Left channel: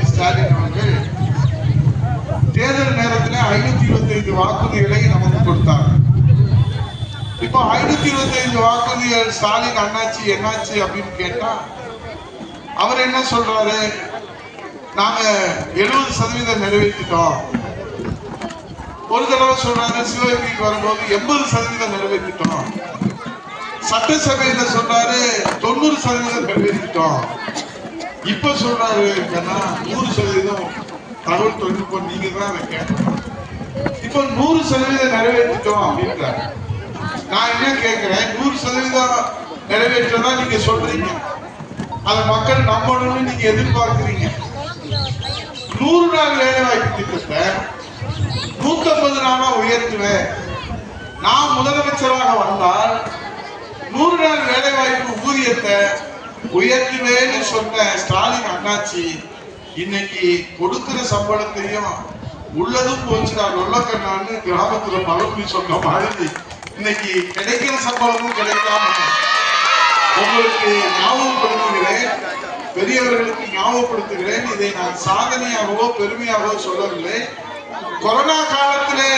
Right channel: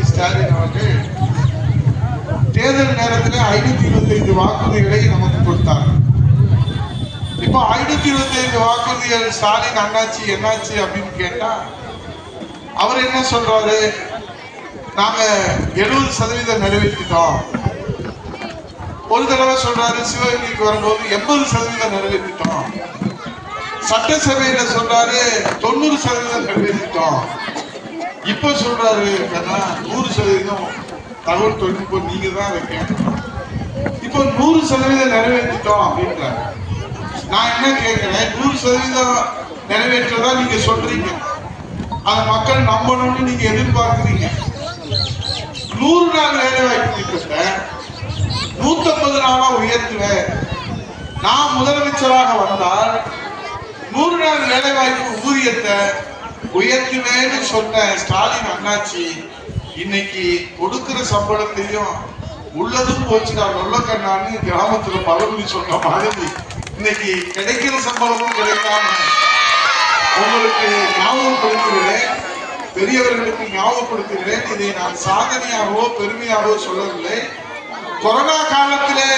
உதயநிதி ஸ்டாலின் அவர்கள் தேர்தல் நேரத்தில் 525 வாக்குறுதிகளை நமக்கு கொடுத்தார். இப்போ 525 வாக்குறுதிகள் ஸ்டாலின் அண்ணாச்சி என்னாச்சு அப்படின்னு கேட்டா அவர் என்ன சொல்றாரு, நாங்க 70% நிறைவேற்றிட்டோம். ஒரு தடவை சொல்றாரு சிவகங்கைக்கு வரும்போது 80% நிறைவேற்றிட்டோம். சட்டசபையில சொல்றாரு 90% நிறைவேற்றிட்டோம். இப்ப சொல்றாரு 100% தகவல் தொழில்நுட்பம் நீங்க தான் வைக்கணும். இப்போ 100% நிறைவேற்றிட்டோம் அப்படின்றாரு. நான் என்ன கேட்கிறேன், 100% நிறைவேற்றதா நீங்க சொல்றீங்க, அதை மக்கள் நம்பணும்னு நீங்க எதிர்பார்க்கிறீங்க. 100 நாள் வேலை வாய்ப்பு திட்டத்தை 150 நாளா உயர்த்துவேன், நான் முதலமைச்சராக வந்தால் 100 நாள் வேலை வாய்ப்பு ஊதியத்தை உயர்த்துவேன்னு சொன்ன ஸ்டாலின் அண்ணாச்சி இன்னைக்கு கொடுக்கிற சம்பளத்தையும் உள்ளதும் போச்சுடா நொல்லக்கண்ணான்னு கிராமத்துல பழமொழி சொன்ன மாதிரி இன்னைக்கு கிடைக்கிற சம்பளமும் கிடைக்காம உங்களுக்கு ஞாபகப்படுத்துகிறேன், பெரியவர்களுக்கு ஞாபகப்படுத்துகிறேன். இதை நான் சாதனையாகவோ பெருமையாகவோ சொல்லவில்லை. கொரோனா காலத்திலே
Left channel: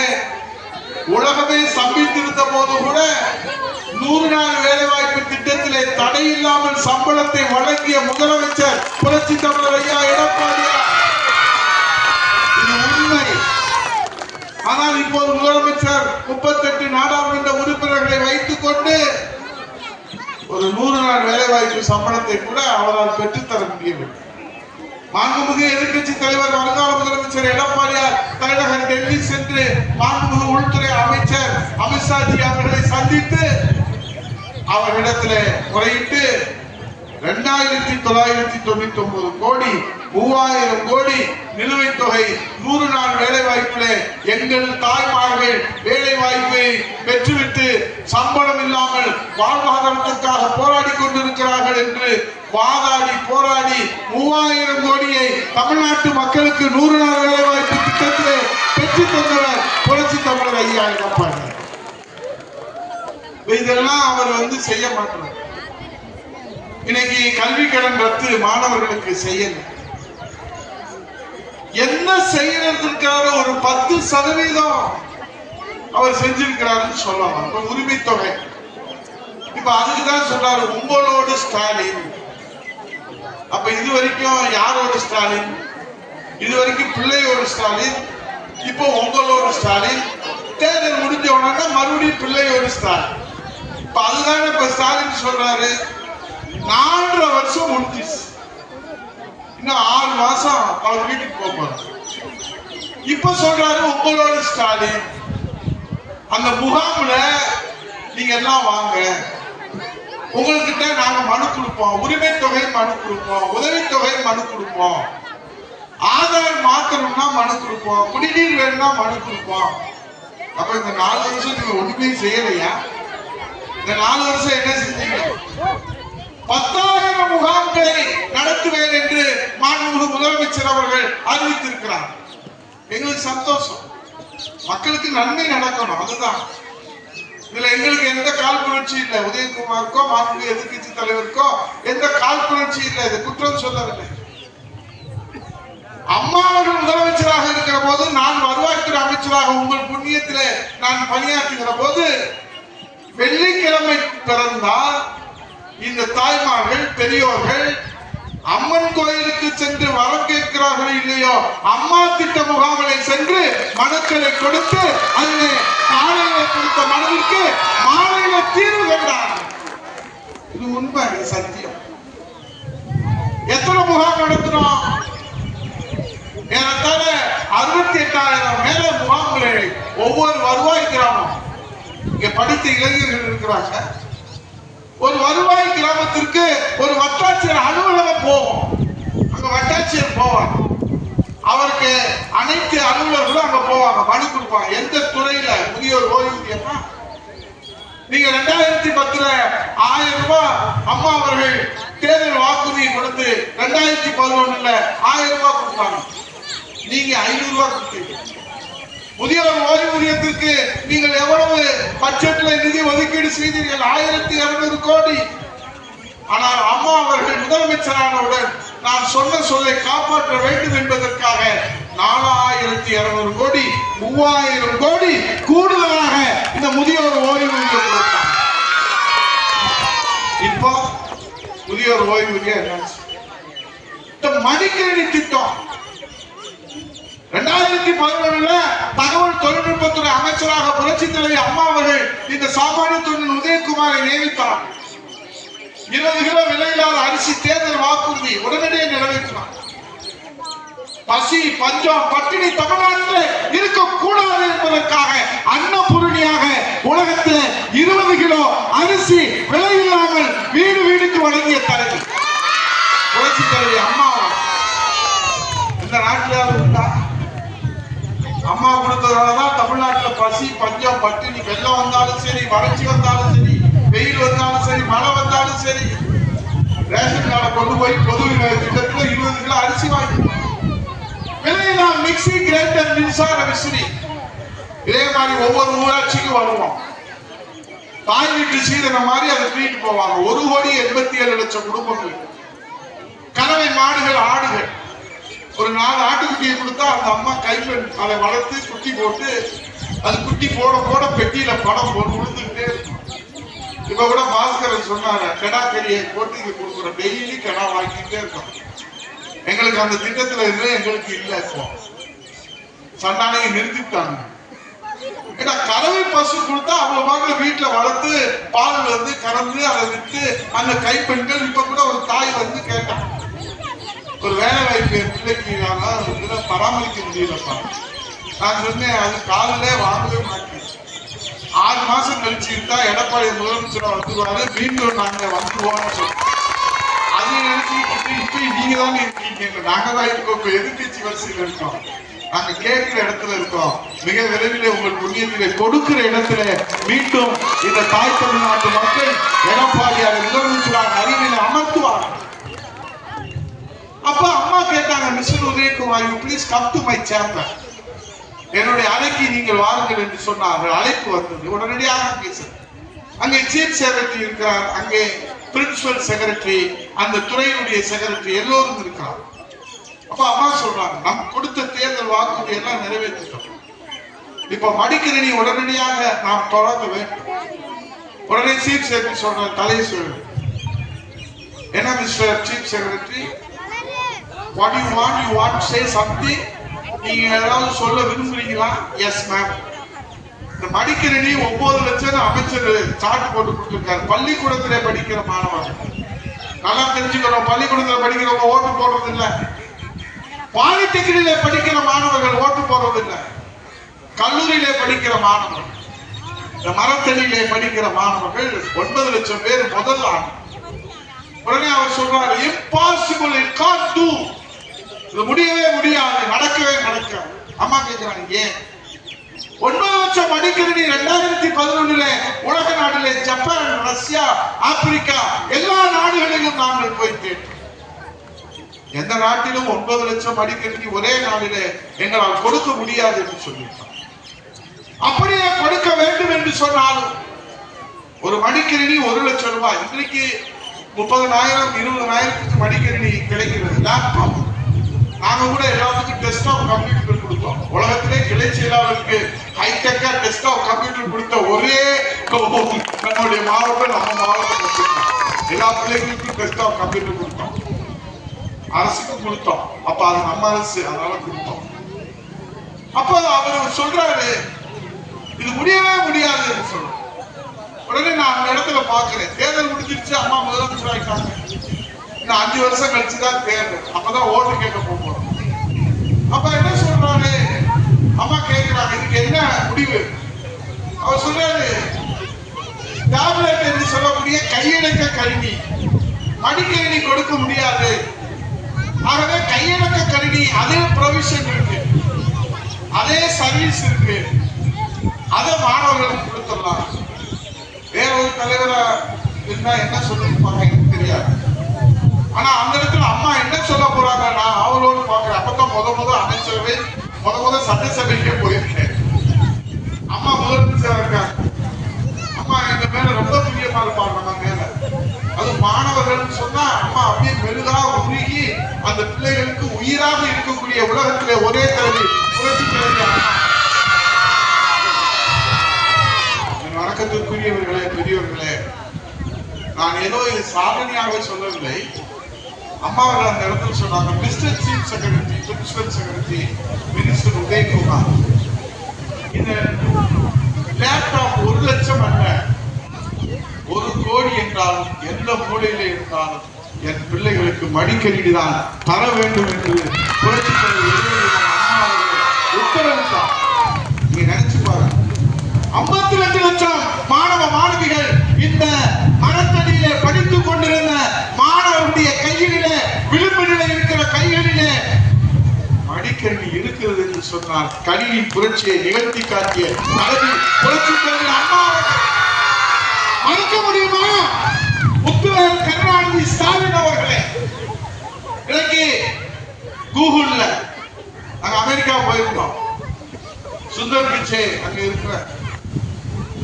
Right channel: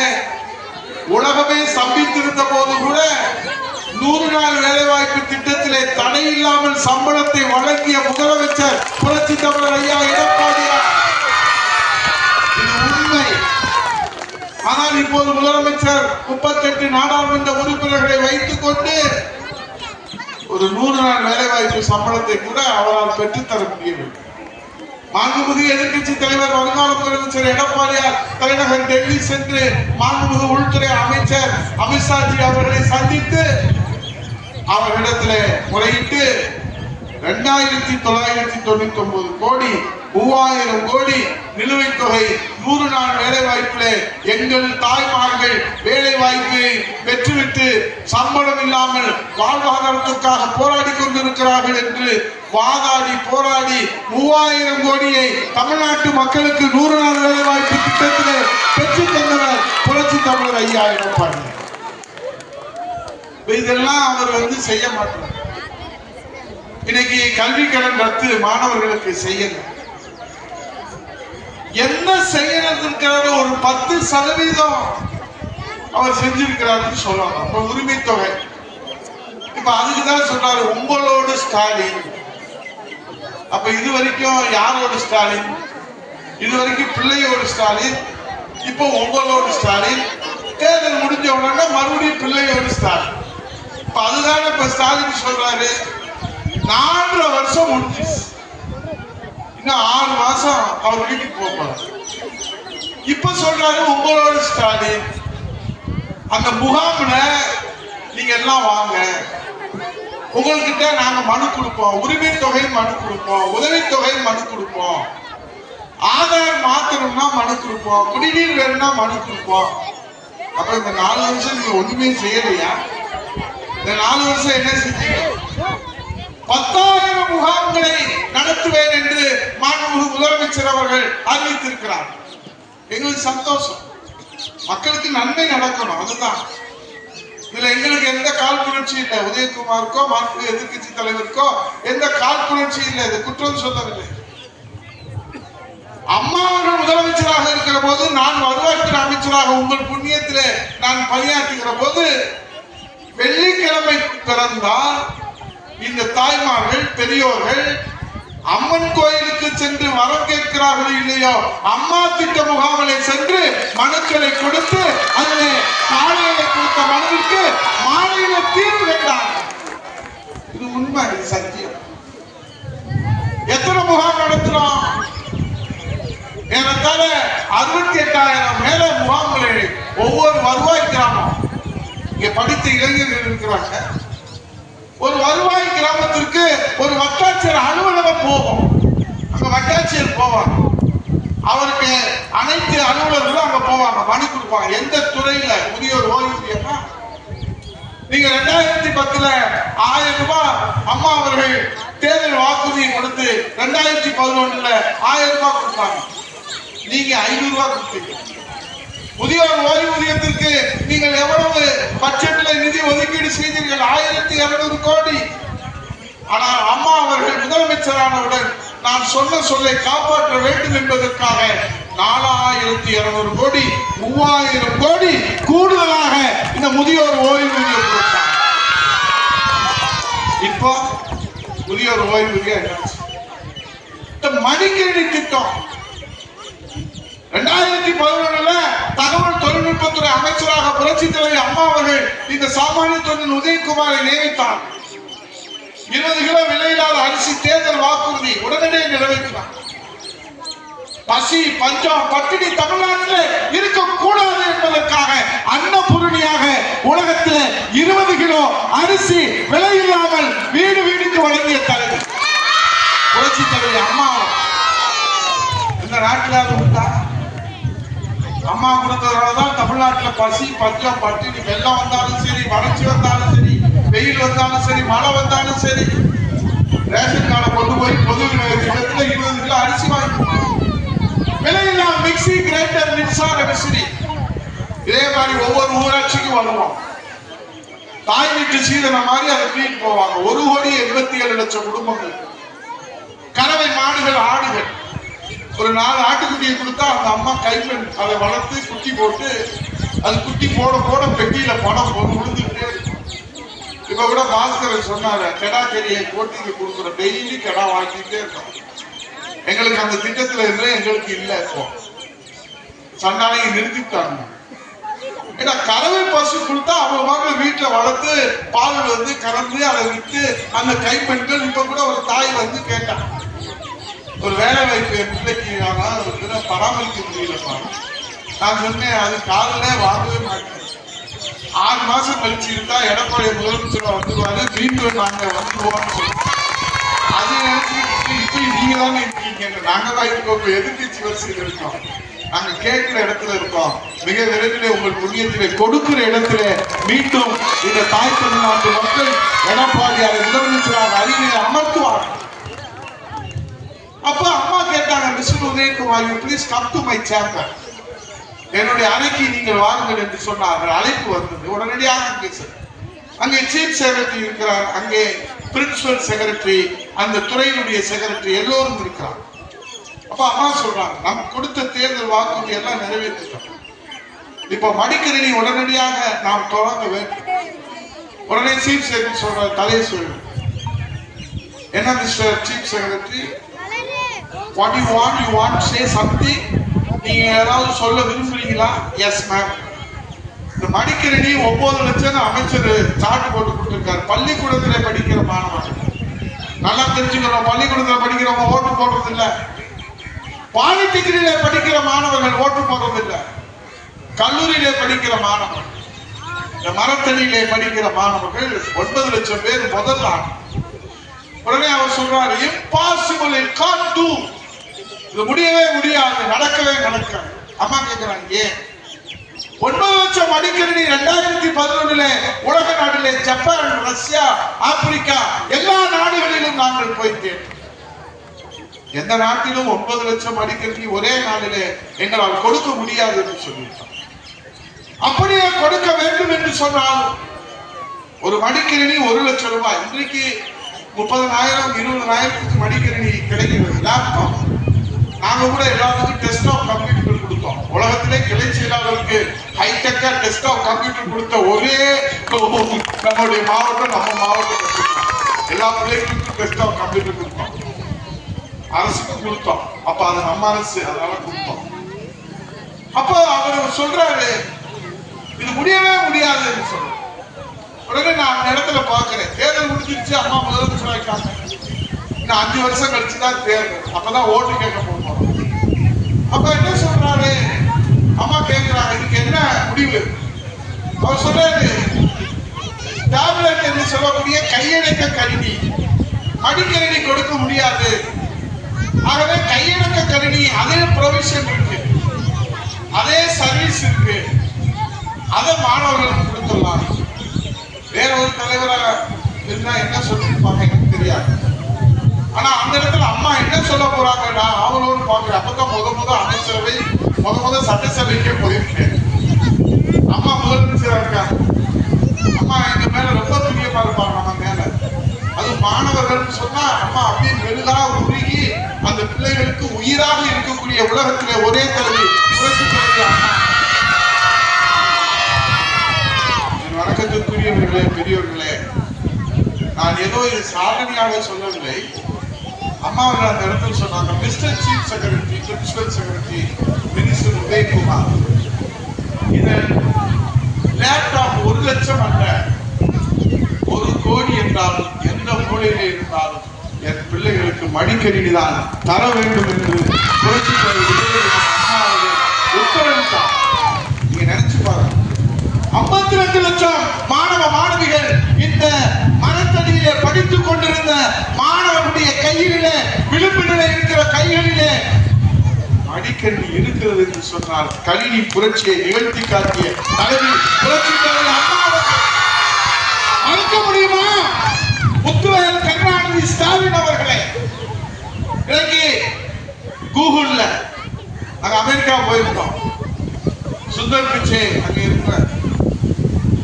உலகமே சம்பித்திருந்த போது கூட 100 நாள் வேலை வாய்ப்பு திட்டத்திலே தடை இல்லாமல் சம்பளத்தை வழங்கிய முதலமைச்சர் புரட்சி தமிழர் ஐயா எடப்பாடியார். இது உண்மை. ஆனால் இப்போது முதலமைச்சர் 38 நாடாளுமன்ற உறுப்பினர்களை வைத்துக் கொண்டு ஒரு 100 நாள் வேலை வாய்ப்பு சம்பளத்தை கூட அவரால் பெற்றுத்தர முடியவில்லை. மாண்புமிகு எதிர்கட்சி தலைவர் வருங்கால முதலமைச்சர் எடப்பாடியார் தலைநகர் டெல்லி சென்று மாண்புமிகு உள்துறை அமைச்சர் அமித்ஷாஜி அவர்களை சந்தித்து அவரிடத்துல முறையிட்டு 2999 கோடி 3000 கோடி நிலுவைத் தொகை 100 நாள் வேலை வாய்ப்பிலே எங்கள் தாய்மார்கள் வேலை வாய்ப்பை பெற்றுவிட்டு சம்பளம் இல்லாமல் வாழ்வாதாரத்திற்காக போராடி கொண்டிருக்கிறார்கள் என்று வாதாடி போராடி 3000 கோடியை தமிழ்நாட்டு மக்களுக்கு 100 நாள் வேலை வாய்ப்பு திட்டத்திலே பெற்றுத் தந்தவர் புரட்சி தமிழர் ஐயா எடப்பாடி. இதெல்லாம் அவர் செய்ய மாட்டார். இன்னைக்கு கல்வி கடன் ரத்து மாணவர்களுக்கு செய்யல, என்ன செய்யறதுக்காக ஒரு 10% அவர் செஞ்சிருக்கிறாருன்னு சொல்லலாம். உரிமை தொகை இப்ப அதுக்குதான் சொல்றாரு உங்களோட ஸ்டாலின். அப்ப இது வரைக்கும் யாரோட ஸ்டாலின்? இது வரைக்கும் பிள்ளையோட ஸ்டாலின், இப்போ உங்களோட ஸ்டாலின். தேர்தல் முடிஞ்ச உடனே மறுபடியும் பிள்ளையோட ஸ்டாலின். இப்ப அதுதான் இப்ப ஸ்டாலின் சொல்றாரு 4.5 வருஷம் முடிஞ்சிச்சு, இன்னும் 6 மாசம் அவர் வீட்டுக்கு போகணும். இப்ப சொல்றாரு உங்களோட ஸ்டாலின். அந்த முகாம்ல நீங்க எல்லாம் வாங்க, உங்ககிட்ட நாங்க மனு கொடுப்போம், உரிமை தொகை மனு கொடுப்போம், உதவித்தொகை மனு கொடுப்போம், ஆதார் மாத்தணும்னா மனு கொடுப்போம், குடிநீர் வேணும்னா மனு கொடுப்போம். அப்ப இந்த 4 வருஷம் நீங்க ஒண்ணுமே செய்யலையா? இந்த 4 வருஷம் என்ன செஞ்சீங்க? 10,000 முகாம்களை நடத்துவேன் என்று மாண்புமிகு முதலமைச்சர் அவர்கள் அறிவித்திருக்கிறார். எங்களுக்கு சந்தோஷம், மக்களுக்கு நன்மை நடக்கணும், அதுதான். இதுல எங்களுக்கு எந்த காழ்ப்புணர்ச்சி இல்லை. உதயகுமாருக்கோ மாண்புமிகு எதிர்கட்சி தலைவருக்கோ எந்த காழ்ப்புணர்ச்சி இல்லை, இது குற்றம் சொல்லவில்லை. அம்மா அவர்கள் முதலமைச்சராக இருக்கிற போது, நான் வருவாய்த்துறை அமைச்சராக உங்கள் புண்ணியத்திலே நான் பணியாற்றுகிற போது, வெள்ளிக்கிழமை பிறந்தால் இந்த தாய்மார்கள் பெரியோர்கள் அம்மன் கோயிலுக்கு சென்று வரம் கேட்கிறார்கள் இல்லையோ, அம்மா திட்ட முகாம்களை சென்று மனுக்களை கொடுத்து அங்கே காலையில கொடுத்த மனுவிற்கு மாலையில தீர்வு கண்டார்கள். இது உண்மை, சத்தியம். எத்தனை முகாம் நடத்துறோம்? ஏறத்தாழ 68,000 மேல முகாம்களை ஒவ்வொரு வருவாய் கிராமம். இங்க படித்த இளைஞர்கள் இருக்கிறாங்க. ஒரு வருவாய் கிராமத்திற்கு ஒரு வட்டாட்சியர் அலுவலகம் போகும். அங்க வட்டாட்சியர் போவாங்க, அவருக்கு அனைத்து அலுவலர்களும் அங்க போவாங்க, மனு கொடுப்பாங்க. எந்த துறையில முதியோர் ஓய்வூதியம்னா நீங்க 2010 1000 ரூபாய் அம்மா அவர்கள் தேர்தல் வாக்குறுதி கொடுத்து 2011 1000 ரூபாய் கொடுத்தாங்க, நீங்க 500 ரூபாய் கொடுத்தீங்க. முதியோர் ஓய்வூதியத்திற்கு நீங்கள் எவ்வளவு பட்ஜெட்ல நிதி ஒதுக்கீடு செய்தீர்கள்? 1200 கோடி. ஆனால் அம்மா அவர்கள் முதலமைச்சரானவுடன் நான் சொன்ன சொல்லை காப்பாற்ற வேண்டும் என்பதற்காக 4200 கோடி 3000 கோடி கூடுதலாக இந்த முதியோர் ஓய்வூதியம் கொடுத்தாங்க. இப்போ முதியோர் ஓய்வூதியம் இந்த மடிக்கணினி திட்டம் 2011 தகவல் தொழில்நுட்பத்துறை அமைச்சராக புரட்சி தலைவர் அம்மா அவர்கள் இந்த சாமானிய தொழில் உதயகுமாரை நியமித்தார். 20 கிலோ விலையில்லாத அரிசி தேர்தல் வாக்குறுதி உடனடியாக நிறைவேற்றினார். பசி பஞ்சம் பட்டினி தமிழ்நாட்டில் இருக்கக்கூடாது என்பதற்காக அன்னபூரணியாக உலகத்தில் 20 கிலோ அரிசி விலையில்லாமல் வீடு வீடுக்கு வழங்கிய தலைவர் புரட்சி தலைவர் அம்மா. இந்த நாட்டில் உண்டா? அம்மா கொடுத்ததுனாலதான் தமிழ்நாட்டில் பசி பஞ்சம் பட்டினி வெள்ளம் வந்தாலும் சரி, வறட்சி வந்தாலும் சரி, வெயில் வந்தாலும் சரி, மழை வந்தாலும் சரி, ரேஷன் கார்டை கொண்டு போய் பொது திட்டத்தில் 20 கிலோ அரிசி வாங்கி விலையில்லாம மிக்சி கிரைண்டர் மின்சார விசிறி. இதே மாதிரி ஒவ்வொரு ஊராட்சிக்கும் வருவோம். தாய் வீட்டு சீதன மாதிரி அதை தூக்கிட்டு போவாங்க. 1,87,00,000 குடும்பங்கள், கறவை மாடுகள், ஆடுகள். ஒரு 4 ஆட்டுக்குட்டியை கொடுத்தா அந்த அம்மா கைப்பெண் அதை வளர்த்து குட்டி போட்டு அது குட்டி போட போட பெட்டியில பணம் போட்டு கொடுத்துக்கிட்டே. இப்ப கூட பாஸ்கரன் சொன்னாரு, கெடா கறியை போட்டு இங்க கொடுக்குறோம், டெய்லி கெடா வாங்கிட்டே இருக்கோம். எங்களுக்கு அந்த திட்டத்துல இருந்து எங்களுக்கு இல்ல. இப்போ சண்டாளையை நிறுத்திட்டாங்க. ஏன்னா கறவை பசு கொடுத்தா அவங்க வீட்டுல வளர்த்து பால் வந்து கலந்து அதை விட்டு அந்த கைப்பெண்கள். இப்ப கூட ஒரு தாய் வந்து கேட்டான், ஒரு வேலை வாய்ப்பு பிள்ளைக்கு பராமரிக்க முடியலப்பா. நான் சொன்னேன், அது காலிலே வாங்கவே மாட்டேன். 6 மாசம் கழிச்சு இருந்தா எடப்பாடி முதலமைச்சர் வந்துருவாரு, மீண்டும் நாங்க வந்துருவோம்னு சொல்லுவோம். அதை நினைச்சுக்கிட்டு இப்படி நீங்க தானே இருக்கீங்க. நாங்க தான் இருக்கோம், எதிர்கட்சி வரிசையில் இருக்கோம். நாங்க கேட்கிற இடத்துல இருக்கோம். மிக விரைவில் உங்கள் புண்ணியத்திலே கொடுக்கிற இடத்துல மீண்டும் இந்த தாய் தமிழ்நாட்டு மக்கள் எடப்பாடியார் முதலமைச்சராக அறிவியல் அமர்த்துவார். அப்ப அம்மா கேட்டாங்க, mister Udayakumar, you please come to my chamber, என்னுடைய அறைக்கு நீங்கள் வாருங்கள் என்று சொன்னார்கள். அழைப்பு வந்தது. உடனடியாக அங்கே சீஃப் செக்ரட்டரி இருக்கிறார், அங்கே பிரின்சிபல் செக்ரட்டரி, அந்த துறையினுடைய செக்ரட்டரி எல்லோரும் இருக்கிறார். அப்ப அம்மா சொல்றாங்க, நம்ம கொடுத்த தேர்தல் வாக்குறுதி எல்லாம் நிறைவேற்றிட்டோம். இப்ப மடிக்கணினி உடனடியாக நாம் தொடங்க வேண்டும். உடனே சீஃப் செக்ரட்டரி சொல்ற, தலையை சொல்லு. என்ன mister chief secretary, what you want to say something? நீங்க ஏதாவது சொல்ல விரும்புறீங்களா? Yes ma'am. இந்த மடிக்கணினி 9 லட்சம் அமைச்சர் சார்ட் போட்டு கொடுத்திருக்காரு. பள்ளிக்கூடத்திலே படிக்கிற மாணவர்கள் நல்லா தெரிஞ்சுக்கணும். பள்ளிக்கூடத்தில் படிக்கிறவங்க ஓட்டு போடுறது இல்லை. பாலிடெக்னிக்ல படிக்கிற மாணவர்கள் ஓட்டு போடுறது இல்லை. கல்லூரியிலே படிக்கிற மாணவர்கள், இந்த மரத்தடியிலே படிக்கிற மாணவர்கள் 9 லட்சம் பேர் முதல் ஆண்டு. உடனே அவர் சொல்றாரு, இம்பாசிபிள், இட் கான்ட் டு, இது முடியவே முடியாது, நடக்கவே நடக்காது. அம்மா கேட்கிறாங்க, ஏன்? 9 லட்சம் மடிக்கணினி 2011 உலக நாட்டிலே ஜப்பான், ரஷ்யா, ஆப்பிரிக்கா எல்லா நாடுகளிலும் நாங்கள் போய் கேட்டோம். எந்த நாட்டிலும் 9 லட்சம் மடிக்கணினி ஒரே நாளிலே எங்களால் கொடுக்க முடியாது என்று சொல்லிட்டோம். அப்படியே கொடுக்க வேண்டும் என்று சொன்னால் ஒரு மடிக்கணினி 1 லட்சம் ரூபாய். இன்றைக்கு 30,000 20,000 மடிக்கணினி கிடைக்கிறது. லேப்டாப் நாங்க கூட எல்லாத்துக்கும் டெஸ்க்டாப் கம்ப்யூட்டர் கொடுத்தோம். உலகத்திலே கிளை செயலாளருக்கு ஹைடெக்கா டெஸ்க்டாப் கம்ப்யூட்டர் கொடுத்த ஒரே நம்முடைய மாவட்டம், நம்ம மாவட்டம். எல்லா பிள்ளைகளுக்கும் டெஸ்க்டாப் கம்ப்யூட்டர் கொடுத்தோம். அரசுக்கு கொடுத்தோம். அப்ப அது நம்ம அரசு, அதனால கொடுத்தோம். அப்ப அவர் சொல்றாரு, இது முடியவே முடியாது என்று சொல்ற. உடனே நான் அந்த இடத்துல பாக்குறேன், தேர்தல் முடிஞ்சிருச்சு, அம்மா முதலமைச்சர் ஆயிட்டாங்க. இன்னும் 5 வருஷம் கழிச்சுதான் தேர்தல், அப்பதான் ஓட்டு கேட்க போறோம். அப்ப என்ன சொல்றாரு, அம்மா கேட்கிறாங்க, இதுக்கு என்ன முடிவு? அவர் சொல்றாரு, டேப்லெட் என்று சொல்லக்கூடிய கையடக்க கணினி, மடிக்கணினி கொடுக்க முடியாது. ஆகவே கையடக்க கணினி அதே ப்ரொவிஷன் இருக்கு, அதே சர்வீஸ் இருக்கு, அதை மாணவர்களுக்கு கொடுத்துடலாம். வேற ஒரு தலைவரை என்ன சொல்லிருப்பாங்க எனக்கு தெரியாது. ஆனா அந்த இடத்துல அம்மா என்ன சொல்ல போறாங்க, நான் அவளோடு பாக்குறேன். அப்பதான் முத அமைச்சரவை, முத சட்டசபைக்கே போயிருக்கேன். அம்மா முதலமைச்சரா இருக்காங்க. அம்மா எங்க மேல ரொம்ப பிரியமா இருப்பாங்க நம்ம மேல. அது மாணவர்கள் சொன்னா அம்மா அப்படியே மெழுகா உருகி அந்த பிள்ளைகளுக்கு உயிராக இருக்கக்கூடிய உலகத்திலே ஒரே தலைவி புரட்சி தலைவி அம்மா. வணக்கத்திற்குரியவர்களே, பெரியவர்களே, நான் ஏதோ இது சாதனையாக சொல்லவில்லை. அம்மாவில் அந்த இடத்துல சொன்னாங்க, mister chief secretary, principal secretary, minister Udayakumar, இந்த லேப்டாப் 1 லட்சம் அல்ல, 1 கோடி என்றாலும் எந்த மூலையிலே இருந்தாலும் என் பிள்ளைகளுக்கு மடிக்கணினி தான் தர வேண்டும் என்று உத்தரவிட்டார். நீங்க நினைச்சு பாருங்க, 52 லட்சம் மாணவ மாணவிகள் இந்த மரத்தடியிலே படித்துக் கொண்டிருந்த மாணவர்களுடைய கைகளிலே, விளிம்பிலே இருக்கிற கைகளிலே மடிக்கணினி இருக்கிறது என்று சொன்னால் கணினி புரட்சியை நிகழ்த்தி காட்டிய தலைவி புரட்சி தலைவி அம்மாவை மறக்க முடியுமா? முத்துவேல் கருணாநிதி ஸ்டாலின் அவர்களே, இன்னைக்கு கூகுள்ல நாங்க அமெரிக்கா போயிருந்தோம். சுந்தர் பிச்சை அங்க இருக்கிற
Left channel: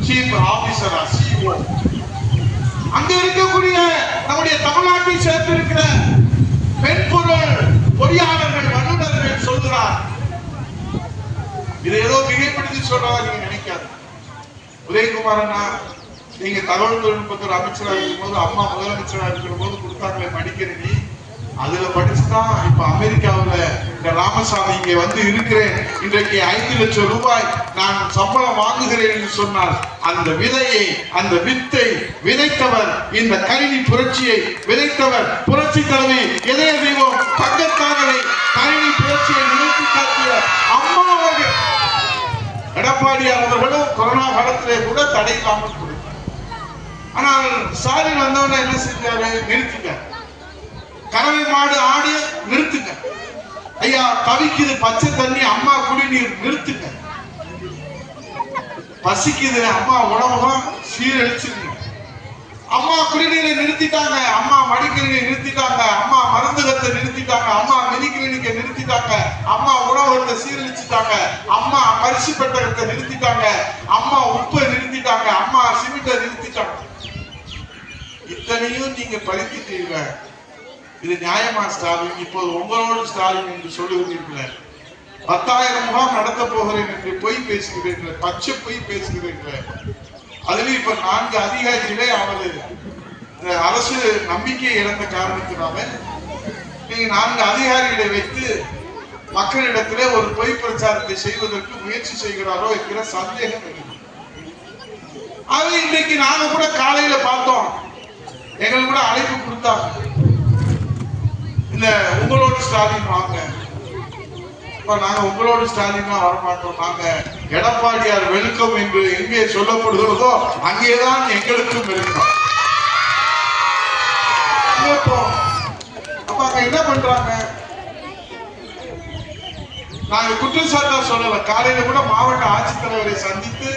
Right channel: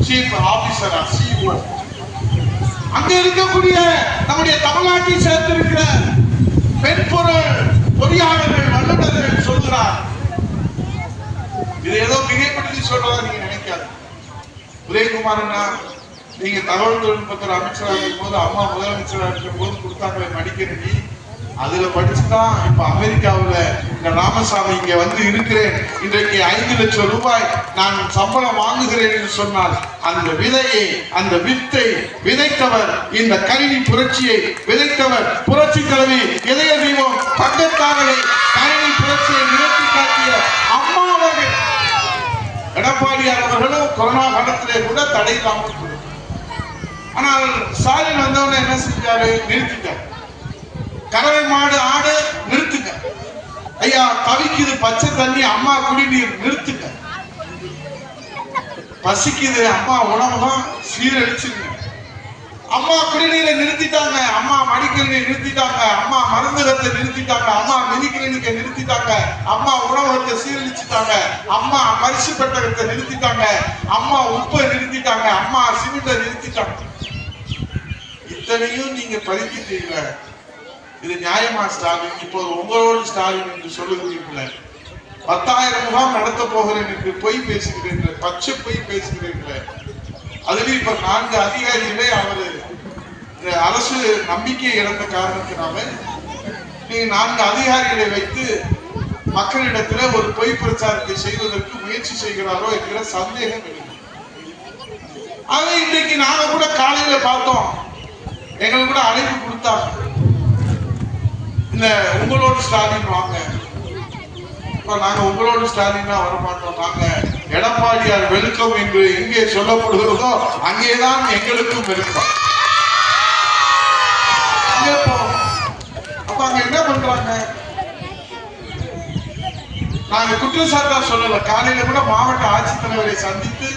சீஃப் ஆபீசர், சிஓ, அங்க இருக்கக்கூடிய நம்முடைய தமிழ்நாட்டை சேர்ந்திருக்கிற மென்பொருள் பொறியாளர்கள், வல்லுநர்கள் சொல்கிறார். இது ஏதோ மிகைப்படுத்தி சொல்றாங்க நீங்க நினைக்காது. உதயகுமார் அண்ணா, நீங்க தகவல் தொழில்நுட்பத்துறை அமைச்சராக இருக்கும் போது, அம்மா முதலமைச்சராக இருக்கிற போது கொடுத்தாங்களே மடிக்கணினி, அதுல படிச்சுதான் இப்ப அமெரிக்காவுல இந்த ராமசாமி இங்க வந்து இருக்கிறேன். இன்றைக்கு 5 லட்சம் ரூபாய் நான் சம்பளம் வாங்குகிறேன் என்று சொன்னால், அந்த விதையை, அந்த வித்தை விதைத்தவர், இந்த கணினி புரட்சியை விதைத்தவர் புரட்சி தலைவி இதய தெய்வம் தங்கத்தானவை கணினி புரட்சியை நிறுத்தி காட்டிய அம்மா அவர்கள். எடப்பாடியார் அவர்களும் கொரோனா காலத்திலே கூட தடை இல்லாமல், ஆனால் ஸ்டாலின் வந்தவன என்ன செஞ்சாரு? நிறுத்திட்டார். கறவை மாடு ஆடு நிறுத்துங்க ஐயா, கவிக்குது பச்சை தண்ணி, அம்மா குடிநீர் நிறுத்துங்க. பசிக்குது, அம்மா உணவகம் சீரழிச்சுங்க. அம்மா குடிநீரை நிறுத்திட்டாங்க, அம்மா மடிக்கணியை நிறுத்திட்டாங்க, அம்மா மருந்தகத்தை நிறுத்திட்டாங்க, அம்மா மிதிக்கணிக்கை நிறுத்திட்டாங்க, அம்மா உணவகத்தை சீரழிச்சுட்டாங்க, அம்மா அரிசி பெட்டகத்தை நிறுத்திட்டாங்க, அம்மா உப்பை நிறுத்திட்டாங்க, அம்மா சிமெண்ட்டை நிறுத்திட்டாங்க. இத்தனையும் நீங்க பறித்துட்டீங்க. இது நியாயமா ஸ்டாலின்? இப்போது உங்களோடு ஸ்டாலின் என்று சொல்லுகிறீர்கள். 10,000 முகாம் நடத்த போகிறேன் என்று பொய் பேசுகிறீர்கள், பச்சை பொய் பேசுகிறீர்கள். அதுவே இப்ப 4 அதிகாரிகளே அவரு அரசு நம்பிக்கை இழந்த காரணத்தினால நீங்க 4 அதிகாரிகளை வைத்து மக்களிடத்திலே ஒரு பொய் பிரச்சாரத்தை செய்வதற்கு முயற்சி செய்கிறாரோ என்கிற சந்தேகம் இருக்கு. அது இன்றைக்கு நாங்க கூட காலையில பார்த்தோம், எங்களுக்கு கூட அழைப்பு கொடுத்தாங்க, இல்ல உங்களோட ஸ்டாலின் வாங்க. நாங்க உங்களோட ஸ்டாலின் தான் வரமாட்டோம், நாங்க எடப்பாடியார் வெளுக்கம் என்று எங்கே சொல்லப்படுகிறதோ அங்கேதான் எங்களுக்கும் வெளுக்கம். அப்ப அங்க என்ன பண்றாங்க? நாங்க குற்றச்சாட்டா சொல்லல. காலையில கூட மாவட்ட ஆட்சித்தலைவரை சந்தித்து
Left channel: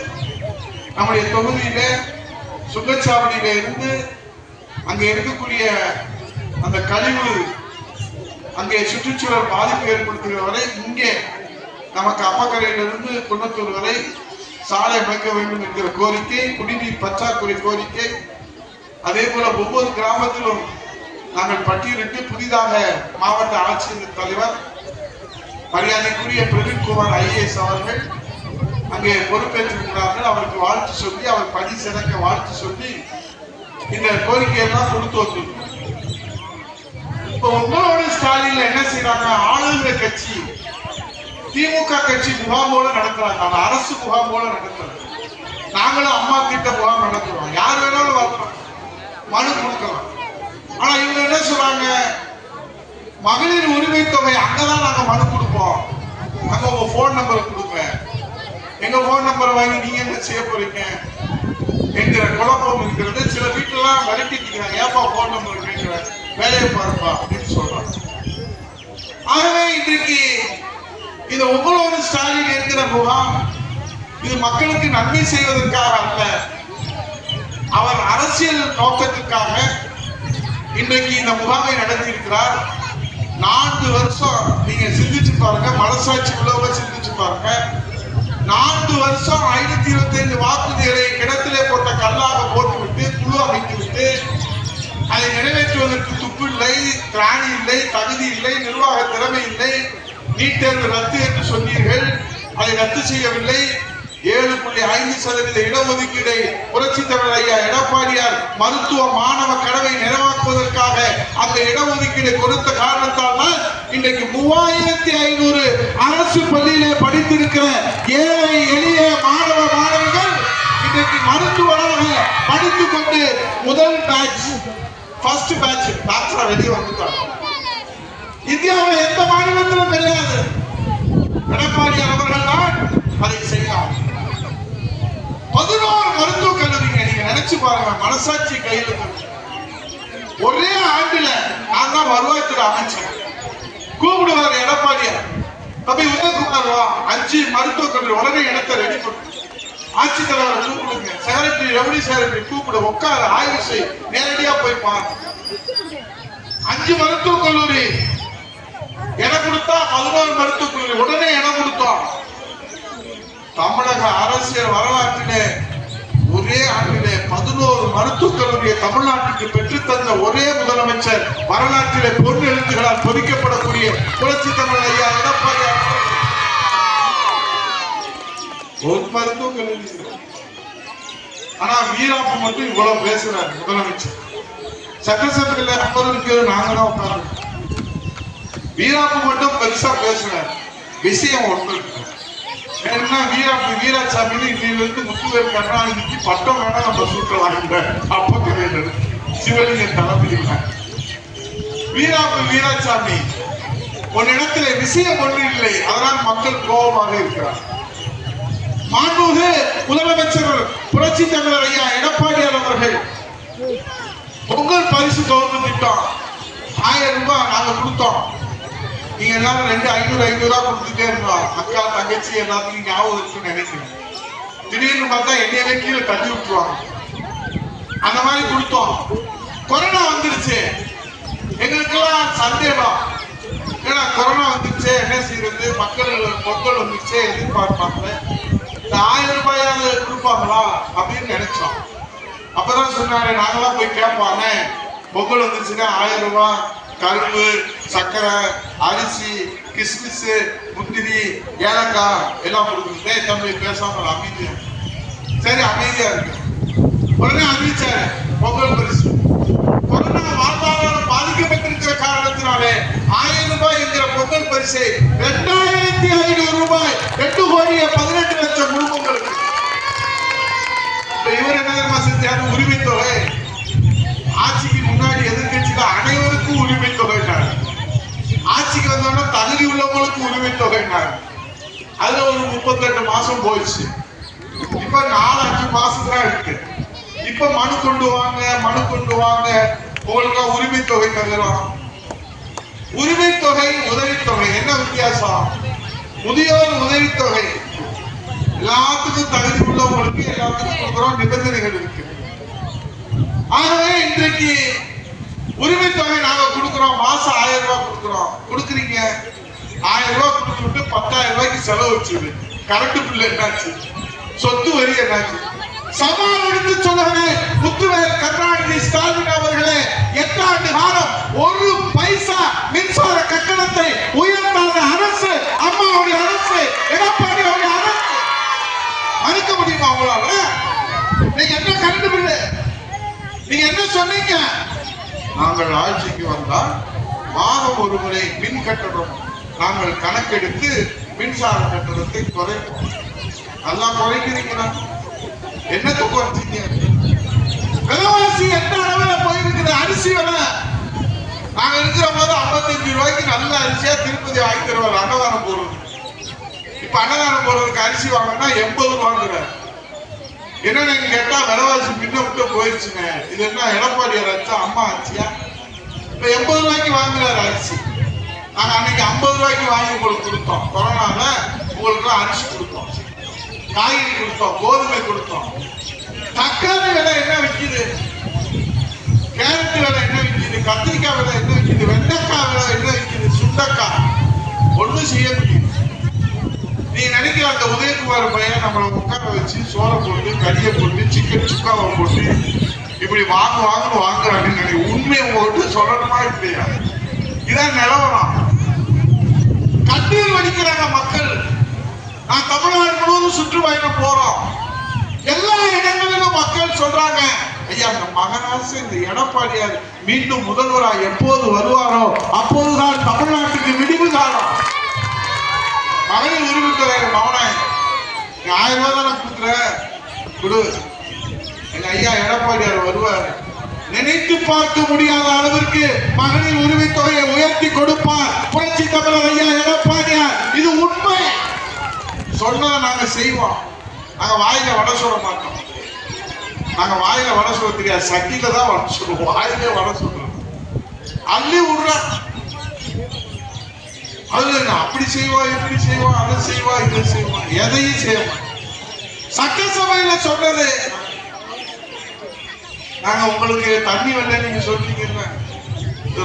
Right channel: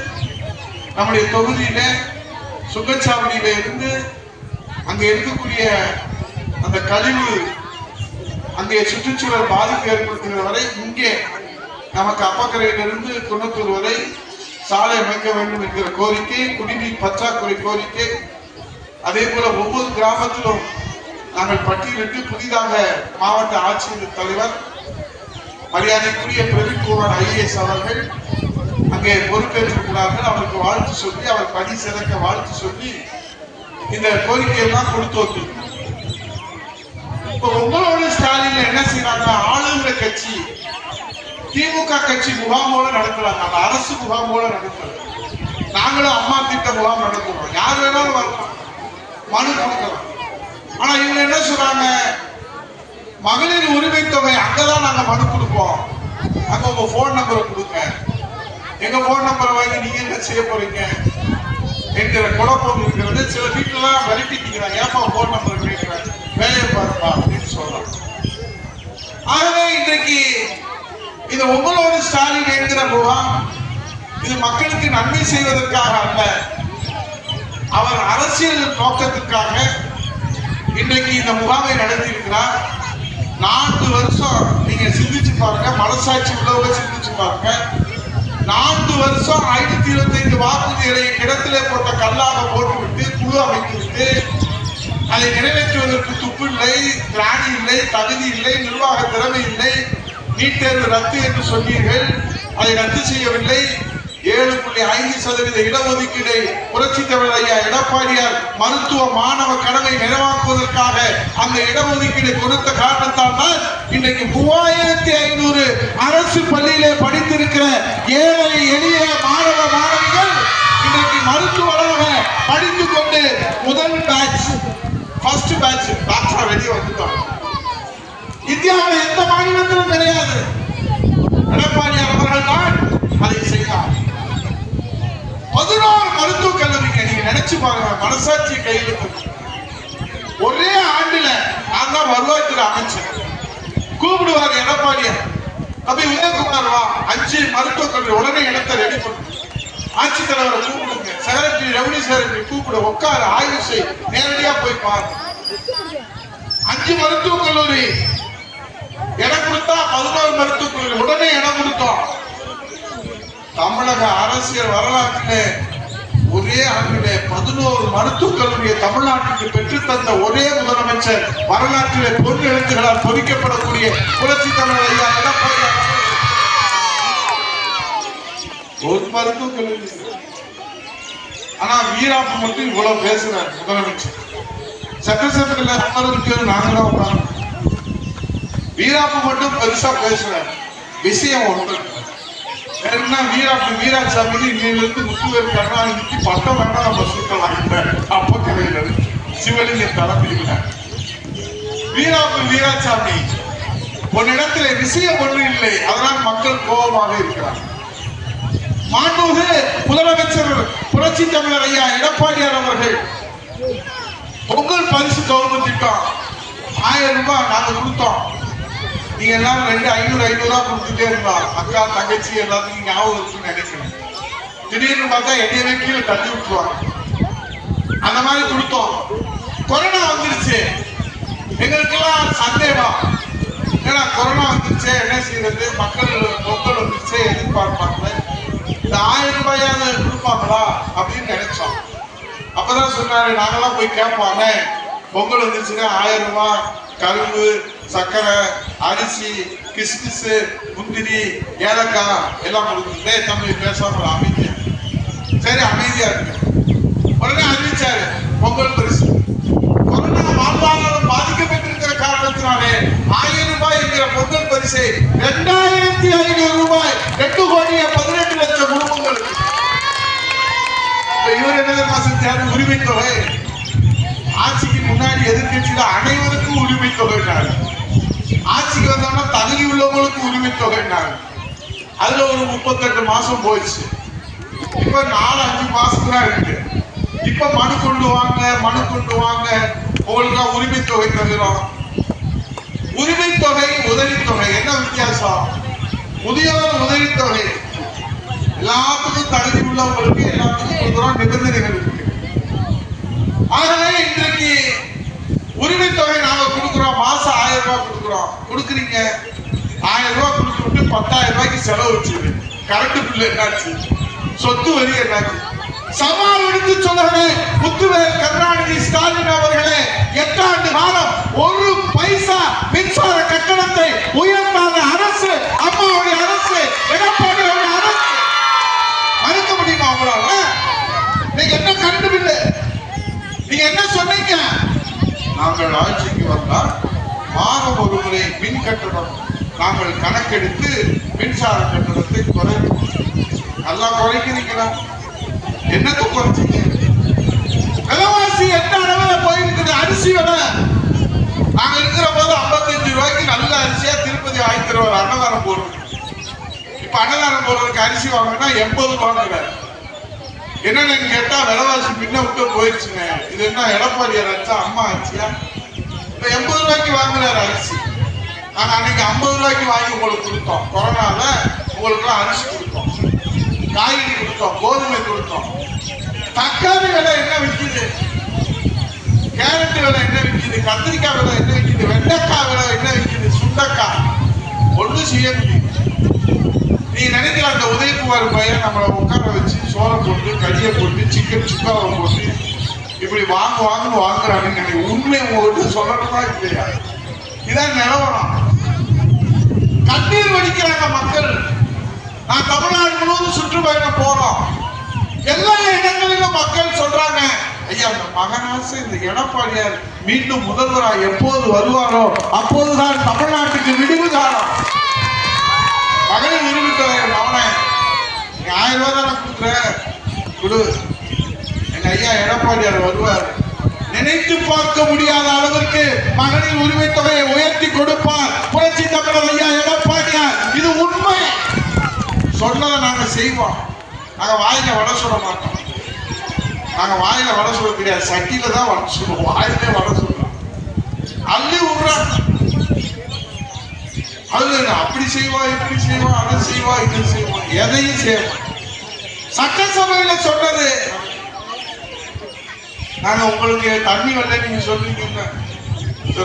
நம்முடைய தொகுதியில சுங்கச்சாவடியில இருந்து அங்க இருக்கக்கூடிய அந்த கழிவு, அங்கே சுற்றுச்சூழல் பாதிப்பு ஏற்படுத்துகிற வரை இங்கே நமக்கு அப்பக்கரையிலிருந்து குன்னத்தூர் வரை சாலை அமைக்க வேண்டும் என்கிற கோரிக்கை, குடிநீர் பற்றாக்குறை கோரிக்கை, அதே போல ஒவ்வொரு கிராமத்திலும் நாங்கள் பட்டியலிட்டு புதிதாக மாவட்ட ஆட்சியர் தலைவர் மரியாதைக்குரிய பிரதீப்குமார் IAS அவர்கள் அங்கே பொறுப்பேற்றிருக்கிறார்கள். அவருக்கு வாழ்த்து சொல்லி, அவர் பணி சிறக்க வாழ்த்து சொல்லி இந்த கோரிக்கையெல்லாம் கொடுத்து வந்திருக்கோம். உங்களோட ஸ்டாலின் என்ன செய்யறாங்க? ஆளுங்கிற கட்சி திமுக கட்சி முகாமோட நடக்கிறாங்க, அந்த அரசு முகாமோட நடக்கிறது. நாங்களும் அம்மா திட்ட முகாம் நடத்துறோம், யார் வேணாலும் வரலாம், மனு கொடுக்கிறோம். ஆனா இவங்க என்ன சொல்றாங்க? மகளிர் உரிமை தொகை அங்கதான் நாங்க மனு கொடுப்போம், அங்க உங்க போன் நம்பரை கொடுங்க, எங்க போன் நம்பரை வாங்கி நீங்க என்ன செய்ய போறீங்க என்கிற குழப்பம் இருக்கிறது. சில வீட்டுல விரட்டிக்கிறாங்க, ஏப்பா போன் நம்பர் கேட்கிறேன், வேலையை பாருப்பா அப்படின்னு சொல்றாங்க. ஆகவே இன்றைக்கு இது உங்களோட ஸ்டாலின் என்கிற முகாம் இது மக்களுக்கு நன்மை செய்வதற்காக அல்ல, அவர் அரசியல் நோக்கத்துக்காக இன்றைக்கு இந்த முகாமை நடத்தி இருக்கிறார். 4 வருஷம் நீங்க சிந்திச்சு பாருங்க, மனசாட்சி உள்ளவங்க சிந்திச்சு பாருங்க. 4 வருஷம் 1025 வாக்குறுதிகளை கிடத்திலே போட்ட கல்லாக போட்டுவிட்டு குழு அமைத்துவிட்டு அதை நிறைவேற்றுவதற்கு துப்பில்லை, இல்லை, திராணி இல்லை, தகுதி இல்லை, நிர்வாக திறமை இல்லை. நீட் தேர்வு ரத்து என்று சொன்னீர்கள், அதை ரத்து செய்யவில்லை. 7.5% இடஒதுக்கீடை புரட்சி தலைவர் ஐயா எடப்பாடியார் மருத்துவ மாணவ கனவை நிறைவாக்குவதற்காக அந்த இடஒதுக்கீடு கொடுத்த காரணத்தால் தான் இன்றைக்கு 3500 அரசு பள்ளியிலே படித்திருக்கிற ஏழை எளிய மாணவ மாணவிகள் இன்றைக்கு மருத்துவராக படித்துக் கொண்டு முதல் பேட்ச் ஃபர்ஸ்ட் பேட்ச் வெளியே வந்துட்டாங்க. இந்தியாவில் எந்த மாநிலத்திலும் கிடையாது. எடப்பாடியார் அவர்கள் தான் அதை செய்யலாம். 11 மருத்துவக் கல்லூரிங்க. நீங்க நினைச்சு பாருங்க, மனசாட்சி கையில் ஒரே ஆண்டுல நான் தான் வருவாய்த்துறை அமைச்சர். கூப்பிடுவார் எடப்பாடியார், தம்பி உதயகுமார் 5 மருத்துவக் கல்லூரி உடனே இடத்தை ரெடி பண்ணு. ஆட்சித்தலைவரை கூப்பிடுங்க, செக்ரட்டரி ரெவன்யூ செக்ரட்டரி கூப்பிடு, உட்கார ஆய்வு செய், நேரடியா போய் பாரு. 5 மருத்துவக் கல்லூரி இடம் கொடுத்தா 11 மருத்துவக் கல்லூரி உடனே இடம் கொடுத்தோம். தமிழக அரசியல் வரலாற்றிலே ஒரே ஆண்டிலே 11 மருத்துவக் கல்லூரியை தமிழ்நாட்டுக்கு பெற்றுத்தந்த ஒரே முதலமைச்சர், வரலாற்றிலே பொன் எழுத்துகளால் பொறிக்கப்படக்கூடிய புரட்சி தமிழர் ஐயா எடப்பாடி. ஒரு மருத்துவக் கல்லூரி. ஆனா வீராப்பு மட்டும் இவ்வளவு பேசுறாரு முதலமைச்சர். சட்டசபையில அமர்வுக்கு நாங்க தான் உட்கார்ந்து வீராப்பு மட்டும் பெருசா பேசுறாரு. விஷயம் ஒன்று என்ன, வீராசாமி இன்னிலிருந்து முத்துவேல் கருணாநிதிக்கு பட்டம் வேணாம் நம்ம சுட்டலாம். அப்ப கிடையாது சிவலிங்கம் தலைமையில் வீராசாமி ஒரு இடத்துல விஷயம் ஒன்று இல்லை, அதனால் மக்கள் கோபமாக இருக்கிறார். மாண்புமிகு முதலமைச்சர் புரட்சி தமிழர் ஐயா எடப்பாடியார் அவர்கள் பொங்கல் பரிசு தொகுப்பு திட்டம் 1000 ரூபாய் நாங்க கொடுத்தோம். நீங்க எல்லாரும் 500 கொடுத்துட்டே இருந்தோம். அக்கா தங்கச்சி எல்லாத்துக்கும் ஞாபகம் இருக்குன்னு நினைக்கிறேன். திடீர்னு பார்த்தா என்னையவே கீழே தள்ளி விட்டுருவாங்க. அந்த மாதிரி கொடுத்தோம். கொரோனா வந்துருச்சு, எங்களுக்கெல்லாம் சந்தேகம், ஏன்னா கொரோனா வந்துருச்சு என்ன செய்யறது, மக்கள் பொங்கல் வந்துருச்சு எதிர்பார்ப்பாங்க, இந்த 1000 ரூபாயாவது கொடுப்பாங்களா அப்படின்னு நினைச்சோம். அப்பதான் சொன்னாரு, நாங்களாம் போய் கேட்பாங்க, பொங்கல் வந்துருச்சுன்னா 1000 ரூபாய் கரும்பு, சக்கரை, அரிசி, கிஸ்மிஸ், முந்திரி, ஏலக்காய் எல்லாம் கொடுக்குறது. தமிழ் பேசாம அமைதி, சரி அமைதியா இருக்கு. உடனே அறிவிச்சாரு பொங்கல் பரிசு. கொரோனா வாழ்வாதாரம் பாதிக்கப்பட்டிருக்கிற காரணத்தினாலே 1000 ரூபாய் என்கிற பொங்கல் பரிசை 2500 ரூபாய் 2,18,00,000 குடும்பங்களுக்கு. இவர் என்ன செஞ்சாரு, உரிமை தொகை. ஆட்சிக்கு முன்னாடி எதிர்கட்சியில அனைவருக்கும் உரிமை தொகை, ஆட்சிக்கு வந்தோம்னா தகுதி உள்ளவங்களுக்கு உரிமை தொகை. அதுல ஒரு 38 மாசம் போயிடுச்சு. இப்ப 4-5 மாசம் தான் இருக்கு. இப்ப மனு கொண்டு வாங்க உங்களுக்கு உரிமை தொகை தருகிறோம். உரிமை தொகை உதவித்தொகை என்ன வித்தியாசம்? முதியோர் உதவித்தொகை எல்லாத்துக்கும் தகுதி உள்ளவங்களுக்கு எல்லாத்துக்கும் கொடுக்குறோம், நிபந்தனைகள் இருக்கு. ஆகவே இன்றைக்கு உரிமை தொகை நாங்க கொடுக்கிறோம், மாசம் 1000 ரூபாய் கொடுக்கிறோம். கொடுக்குறீங்க 1000 ரூபாய் கொடுத்துட்டு 10,000 ரூபாய்க்கு செலவு வச்சு கரண்ட் பில் என்னாச்சு, சொத்து வரி என்னாச்சு? சவால் எடுத்து சொல்லுகிறேன், முத்துவேல் கருணாநிதி ஸ்டாலின் அவர்களே, 8 ஆண்டு காலம் 1 பைசா மின்சார கட்டணத்தை உயர்த்தாத அரசு அம்மாவுடைய அரசு, எடப்பாடியுடைய அரசு. மறுக்க முடியுமா உங்களால? நீங்க என்ன கரண்ட் பில், நீங்க என்ன சொன்னீங்க? நாங்கள் ஆட்சிக்கு வந்தால் மாதம் ஒரு முறை மின் கட்டணம் நாங்கள் கணக்கெடுத்து மின்சார கட்டணத்தை குறைப்போம். நல்லா குறைக்கிறீங்களா? என்னத்தை குறைச்சிங்க? விலைவாசி எந்த அளவுல போயிருக்குது? அரிசி விலை நாங்க இருக்கிற போது 55 ரூபாய்க்கு நல்ல அரிசியா திருப்பதி வாங்கி தருவார் அன்னதானம் போடுறது. இப்ப அன்னதானம் போடுறதுக்கு அரிசி வாங்கினா 80 ரூபாய். என்னன்னு கேட்டா விலைவாசி முன்ன விட்டு போயிருச்சுங்க. இது என்ன எடப்பாடியார் ஆச்சா அம்மா ஆச்சியா? இப்ப 80 ரூபாய்க்கு வாங்குறாரு அரிசி. நாங்க அன்னைக்கு 50 ரூபாய்க்கு வாங்கி உங்களுக்கு கொடுத்தோம். கொரோனால உங்களுக்கு எல்லாம் அரிசி கொடுத்தோம், காய்கறி கொடுத்தோம், கோதுமை கொடுத்தோம். தக்காளி விலை என்ன விற்கிது? கேரட் விலை என்ன விற்கிது? கத்திரிக்காய் விலை என்ன விற்கிது? வெண்டைக்காய் விலை என்ன விற்கிது? சுண்டக்காய் ஒண்ணு செய்ய முடியும். நீ நினைக்கிற அந்த உதயகுமார் பையன் நம்மளை உட்கார வச்சு சோறை போட்டு, கறியை போட்டு, சிக்கன் சுக்காவை போட்டு இப்படி வாங்குறாங்க. உண்மை உங்ககிட்ட சொல்லணுமா இல்லையா? இதான் நிலவரம். கண்ணீர் வடிக்கிறாங்க மக்கள். நான் தமிழ்நாடு முழுவதும் சுற்றுப்பயணம் போறோம். எல்லா இடங்களிலும் மக்கள் சொல்றாங்க, ஐயா இந்த மகராசு இந்த எடப்பாடியார் மீண்டும் முதல்வராக எப்போது வருவாரோ அப்போதுதான் தமிழ்நாட்டுக்கு விடிவு காலம். மகளிர் உரிமை தொகை அவனை 1000 ரூபாய் தானே கொடுக்குற கொடு. எங்க ஐயா எடப்பாடியார் வருவார். நினைத்து பார்க்க முடியாத அளவிற்கு மகளிர் உரிமை தொகையை உயர்த்தி கொடுப்பார் புரட்சி தமிழர் ஐயா எடப்பாடியார். இது உண்மை. சொன்னதை நாங்க செய்வோம். நாங்க வாயில வடை சொல்ல மாட்டோம். நாங்க வாயில வடை சொல்ல தெரியாது, சட்டியில தான் வடை சொல்லுவோம். வாயிலே வடை சொல்றோம். அள்ளி விடுறான். அது அப்படி செய்வோம், இப்படி செய்வோம், அதை செய்வோம், இதை செய்வோம், எதையும் செய்வோம். சட்டசபையில சொன்னது, நாங்க உங்களுக்கு தண்ணி வரல நீங்க சொல்றீங்க,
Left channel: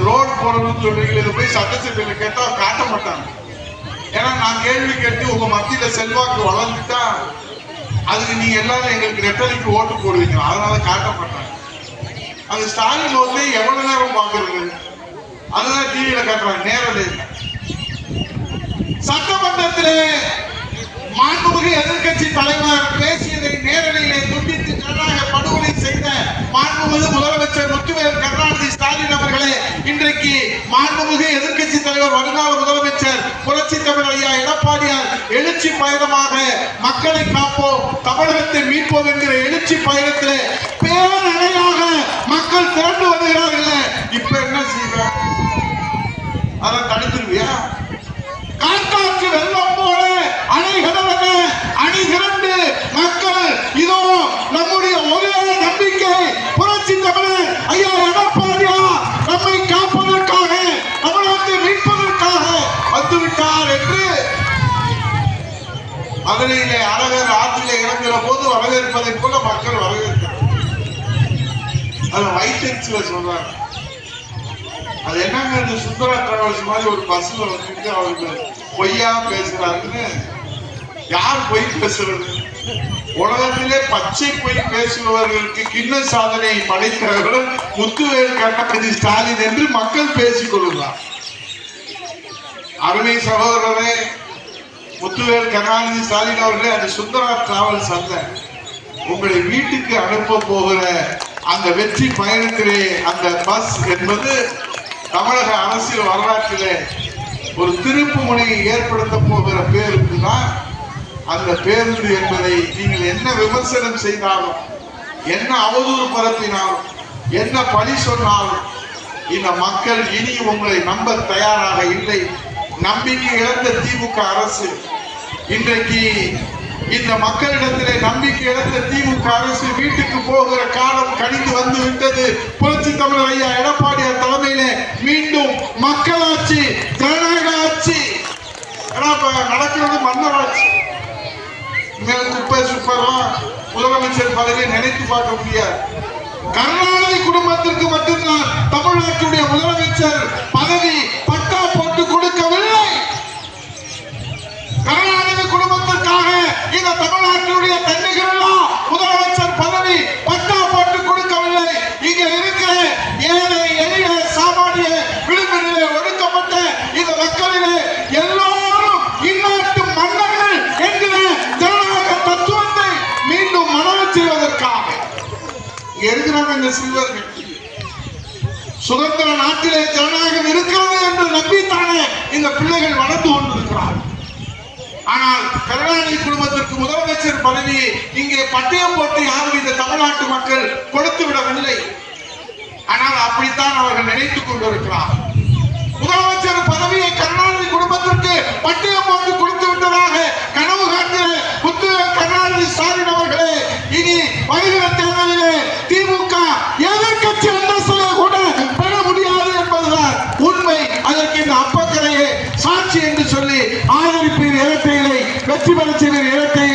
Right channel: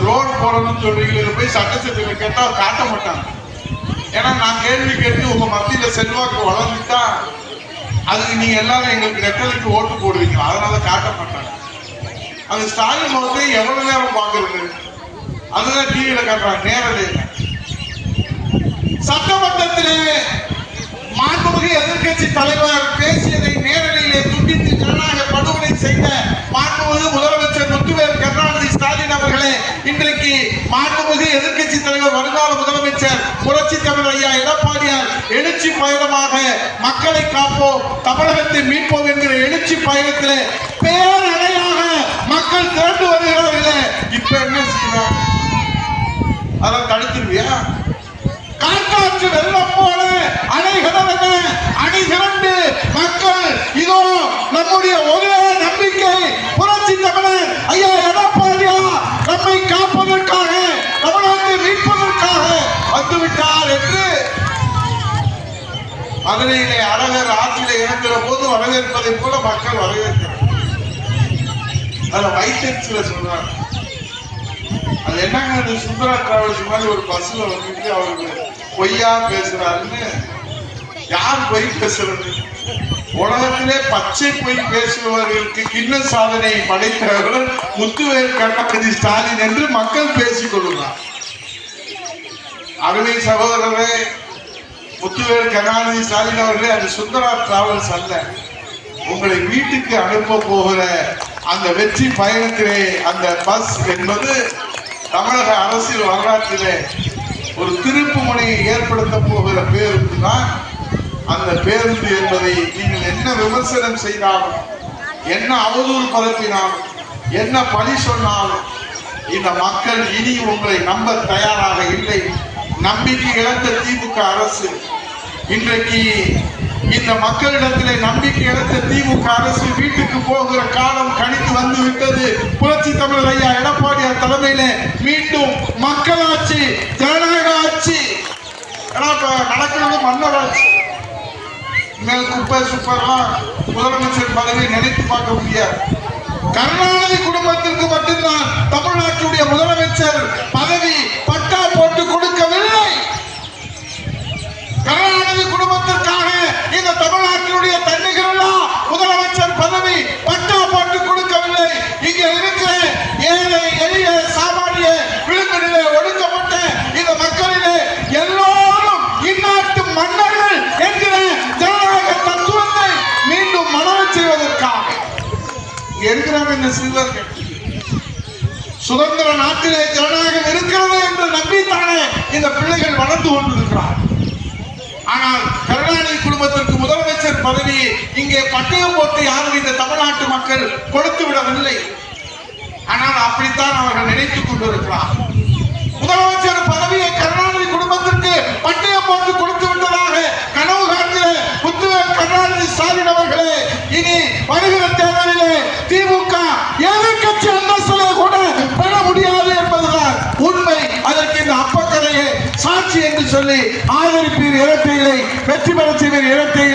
ரோடு போடணும்னு சொல்றீங்க, போய் சட்டசபையில கேட்டா காட்ட மாட்டாங்க. ஏன்னா நான் கேள்வி கேட்டு உங்க மத்தியில செல்வாக்கு வளர்ந்துட்டா அதுக்கு நீங்க எல்லாரும் எங்களுக்கு நெட்டலைக்கு ஓட்டு போடுவீங்க, அதனால காட்ட மாட்டாங்க. அது ஸ்டாலின் வந்து எவ்வளவு நேரம் பாக்குறது, அதுதான் டிவியில காட்டுறாங்க நேரடியில். சட்டமன்றத்திலே மாண்புமிகு எதிர்கட்சி தலைவர் பேசியதை நேரடியிலே துண்டித்து ஜனநாயக படுகொலை செய்த மாண்புமிகு முதலமைச்சர் முத்துவேல் கருணாநிதி ஸ்டாலின் அவர்களே, இன்றைக்கு மாண்புமிகு எதிர்கட்சி தலைவர் வருங்கால முதலமைச்சர் புரட்சி தமிழர் ஐயா எடப்பாடியார் எழுச்சி பயணமாக மக்களை காப்போம் தமிழகத்தை மீட்போம் என்கிற எழுச்சி பயணத்திலே பேரணையாக மக்கள் திரண்டு வருகிறார்கள். இப்ப என்ன செய்யணும்? அதை தடுத்துருவியா? காற்றாற்று வெள்ளம் போல அணைகளவன அணி திரண்டு மக்கள் இதோ நம்முடைய ஒரே நம்பிக்கை புரட்சி தமிழர் ஐயா எடப்பாடியார் நம்மை காப்பதற்காக தமிழகத்தை மீட்பதற்காக வந்துவிட்டார் என்று மதுரையிலே அழகர் ஆற்றிலே இறங்குற போது வரவேற்பதை போல மக்கள் வரவேற்கிறார். அதை வைத்தறிச்சில சொல்றாங்க. அது என்னங்க சுந்தரா டிராவல்ஸ் மாதிரி ஒரு பஸ்ல வந்துட்டு அவருக்கு பொய்யா பேசுறாருன்னு. யார் பொய் பேசுறது? உலகத்திலே பச்சை பொய் பேசுபவர்களுக்கு கிண்ண சாதனை படைத்தவர்கள் முத்துவேல் கருணாநிதி ஸ்டாலின் என்று மக்கள் பேசிக் கொள்கிறார். அருமை சகோதரரே, முத்துவேல் கருணாநிதி ஸ்டாலின் அவர்களே, அது சுந்தரா டிராவல்ஸ் அல்ல. உங்களை வீட்டுக்கு அனுப்ப போகிற அந்த வெற்றி பயணத்திலே அந்த பஸ் என்பது தமிழக அரசியல் வரலாற்றிலே ஒரு திருப்பு முனையை ஏற்படுத்த போகிற பேருந்து தான் அந்த பேருந்து என்பதை நீங்கள் என்ன விமர்சனம் செய்தாலும், என்ன அவதூறு பரப்பினாலும், என்ன பழி சொன்னாலும் இந்த மக்கள் இனி உங்களை நம்ப தயாராக இல்லை. நம்பிக்கை இழந்த திமுக அரசு இன்றைக்கு இந்த மக்களிடத்திலே நம்பிக்கை இழந்த திமுக அரசு வீட்டுக்கு போகிற காலம் கணிந்து வந்து விட்டது. புரட்சி தமிழர் ஐயா எடப்பாடியார் தலைமையிலே மீண்டும் மக்களாட்சி, ஜனநாயக ஆட்சி நடக்கிறது. மன்னராட்சி மேல் குப்பை சுப்பரா முதலமைச்சர் பதவியை நினைத்து பார்க்க முடியாது. கருணாநிதி குடும்பத்திற்கு மட்டும்தான் தமிழ்நாட்டுடைய முதலமைச்சர் பதவி பட்டா போட்டு கொடுக்கவில்லை. கருணாநிதி குடும்பத்திற்காக இந்த தமிழ்நாட்டினுடைய தன்னிகரெல்லாம் முதலமைச்சர் பதவி பட்டா போட்டு கொடுக்கவில்லை. இங்க இருக்கிற ஏழை எளிய சாமானிய விளிம்பிலே ஒடுக்கப்பட்ட இந்த மக்களிலே எல்லோரும் இந்நாட்டு மன்னர்கள் என்கிற ஜனநாயக தத்துவத்தை மீண்டும் மனவச் செய்வதற்காக இருக்கிறாங்க இந்த சிறுவர்கள். சுதந்திர நாட்டிலே ஜனநாயகம் இருக்கிறது என்று நம்பித்தானே இந்த பிள்ளைகள் வளர்ந்து கொண்டிருக்கிறார். ஆனால் கருணாநிதி குடும்பத்திற்கு முதலமைச்சர் பதவியை இங்கே பட்டயம் போட்டு யாரும் இந்த தமிழ்நாட்டு மக்கள் கொடுத்து விடவில்லை. ஆனால் அப்படித்தான் அவர்கள் நினைத்துக் கொண்டிருக்கிறார். முதலமைச்சர் பதவியை கருணாநிதி குடும்பத்திற்கு பட்டயம் போட்டு கொடுத்து விட்டதாக கனவு காண்கிற முத்துவேல் கருணாநிதி ஸ்டாலின் அவர்களே, இனி வருகிற தேர்தலிலே திமுக எதிர்க்கட்சி அந்தஸ்திலே கூட பெற முடியாது என்பதுதான் உண்மை. அதற்கு இந்த அப்பக்கரையே சாட்சி என்று சொல்லி ஆதரிப்பீர் இரட்டையிலை, வெற்றி பெற செய்வீர் இரட்டை